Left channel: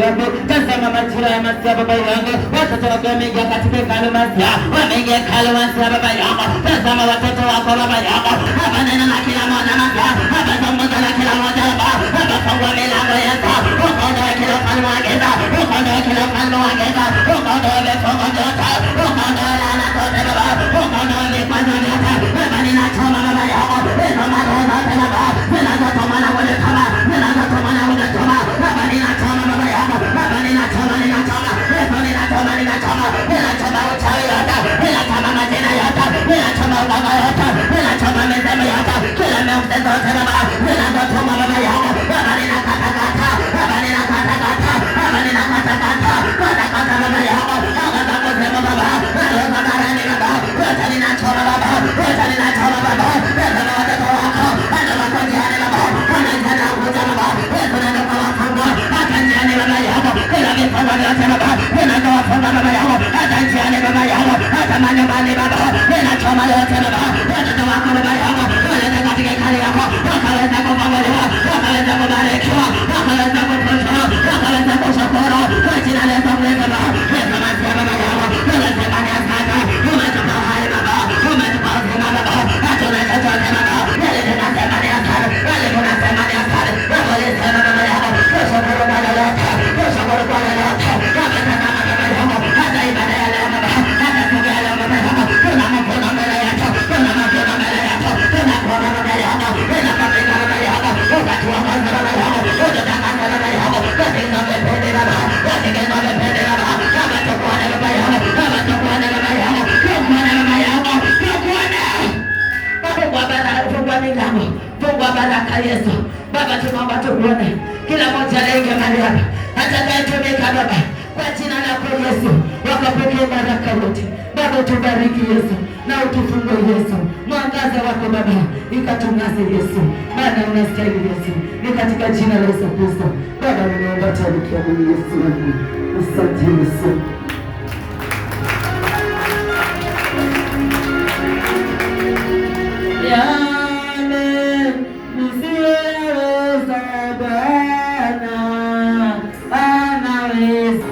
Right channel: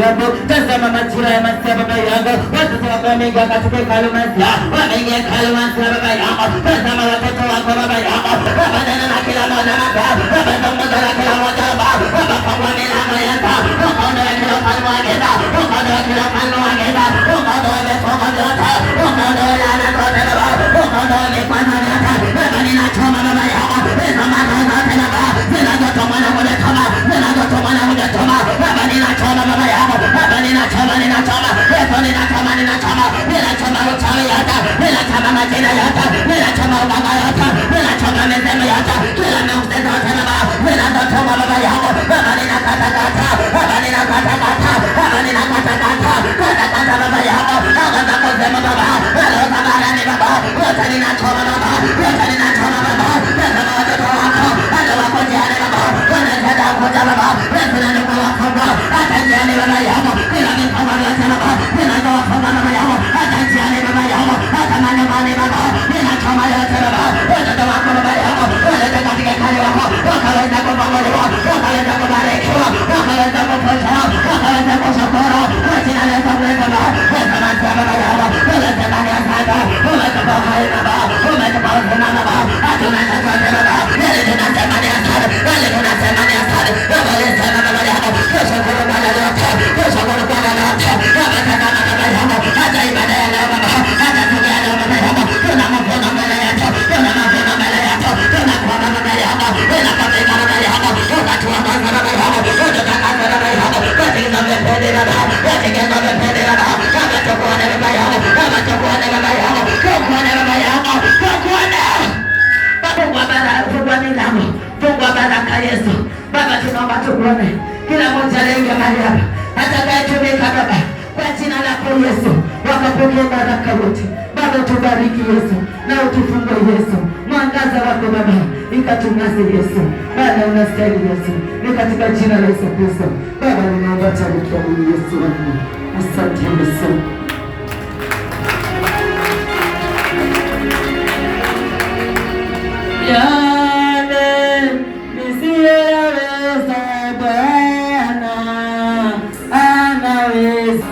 yangu. Tazama majira ya masia baba yangu. Watoto wako wameingia katika hekalu masia. Wameingia hekalu masia baba yangu. Tazama watoto wako baba yangu. Baba nena na kila mmoja mata. Baba zungumza na kila mmoja baba. Baba fungua milango yako. Ukondoe kila ufalme wa giza. Ukondoe kila ufalme wa giza. Ukondoe vifungo vyote. Ukondoe laana zote baba. Ukondoe vikwazo vyote. Baba ninachoma baba yangu. Hizo maroho zote baba. Zinazotoma na kunitoma. Zinazotoma na kunitoma. Baba ninachoma baba yangu. Baba ninachoma. Yesu ninachoma. Ninachoma uchawi yote. Ninachoma majina yote. Ninachoma uganga yote. Ninachoma mizemu yote. Kila miujiza yote baba. Zinazotoma baba yangu. Baba ninakatakata. Baba ninakatakata. Baba ninakatakata. Katakata baba yangu. Baba zakosema baba. Wale zabarani baba. Yote ninachoma baba. Yote ninachoma baba. Yesu na watoto wako. Wale wako njiani baba. Unazenda kuja baba. Yesu na ndugu wako baba. Hata njiani baba yangu. Kila mifungo yote baba. Ninazowafunga baba yangu. Hata njiani baba yangu. Hata manemani baba. Ninachoma yote baba. Watoto wako baba yangu. Waleta katika hekalu yako. Wakaweza kufunguliwa. Wakaweza kubarikiwa. Wakaweza kufunguliwa. Wakaweza kushukuru. Kwa jina la Yesu Kristo baba. Yesu masia baba yangu. Unasema ni asante. Umetupa uhai baba. Umetupa uzima baba. Hatuna chochote baba. Yale tunasema ni asante. Yale tunasema ni asante. Baba yesema baba yangu. Kushukuru kwa lolote. Kushukuru kwa lolote. Wametaka baba yangu. Hata ibada ya leo baba. Hata siku ya leo baba yangu. Tuna mavuno mbele yako. Tuna mavuno mbele yako. Tuna kuona baba yangu. Inakatika baba yangu. Wakati wa kwanza baba yangu. Ututakasa baba yangu. Katika vipindi baba. Katika vipindi baba. Kama tukuone baba yangu. Kama tukuone baba yangu. Tukuone baba yangu. Tukuone. Fungua milango. Fungua baraka Yesu. Baba tunaomba tukuone. Kila mmoja leo mahali hapa. Atakayetumika baba. Kwa jina lako Yesu. Wakapokea baraka yote. Baba tubariki Yesu. Na utufungue Yesu. Mwangaza wako baba. Ikatungase Yesu. Baba unastahili Yesu. Ni katika jina la Yesu Kristo. Baba ninaomba tabikia mimi Yesu wangu. Asante Yesu. Yale nisiyoweza Bwana anaweza.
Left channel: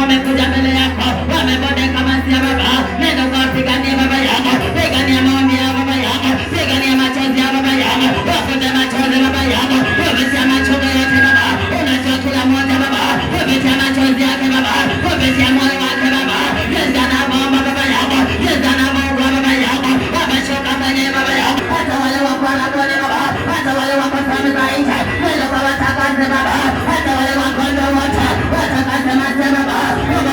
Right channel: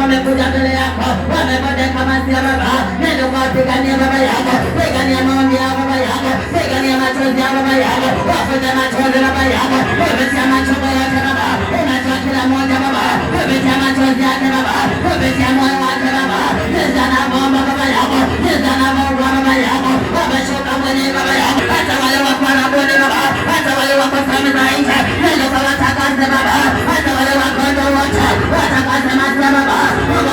Wamekuja mbele yako, wamebondeka masia baba. Nenda ukawapigania baba yako. Pigania maombi ya baba yako. Pigania machozi ya baba yako. Wafute machozi baba yako. Umetia machozi yake baba. Unatoa kila mmoja baba. Umetia machozi yake baba. Umetia moyo wake baba. Nenda na bomba baba yako. Nenda na bomba baba yako. Wameshuka kwenye baba yako. Hata wale wako wanabone baba. Hata wale wako sehemu za nje. Nenda ukawatakase baba. Hata wale wako ndo wote. Watakase masia baba.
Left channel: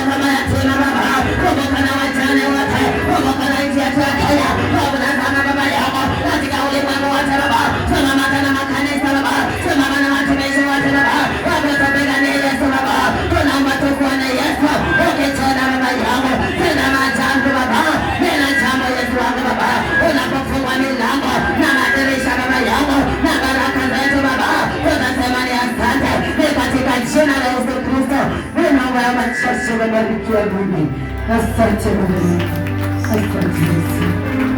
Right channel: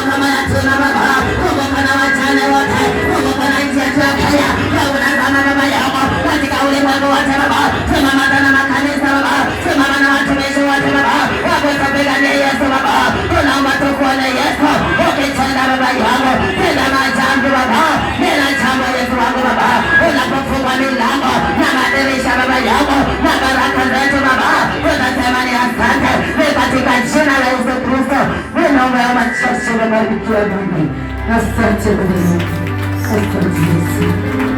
Kama yatima baba, kama wajane wote, kama nchi yetu ya Kenya, kama baba yako katika ulimwengu wote baba, simama na makanisa baba, simama na watumishi wote baba, wakatupigania Yesu baba, tunaomba tukuone Yesu, ukitenda baba yangu, tena majambo baba, tena jambo Yesu wangu baba, unapofungua milango na madirisha baba yangu, na baraka zetu baba, tunasema ni asante, ni katika jina la Yesu Kristo. Naomba machache na barikiwa Mungu. Asante Bwana. Asante Yesu.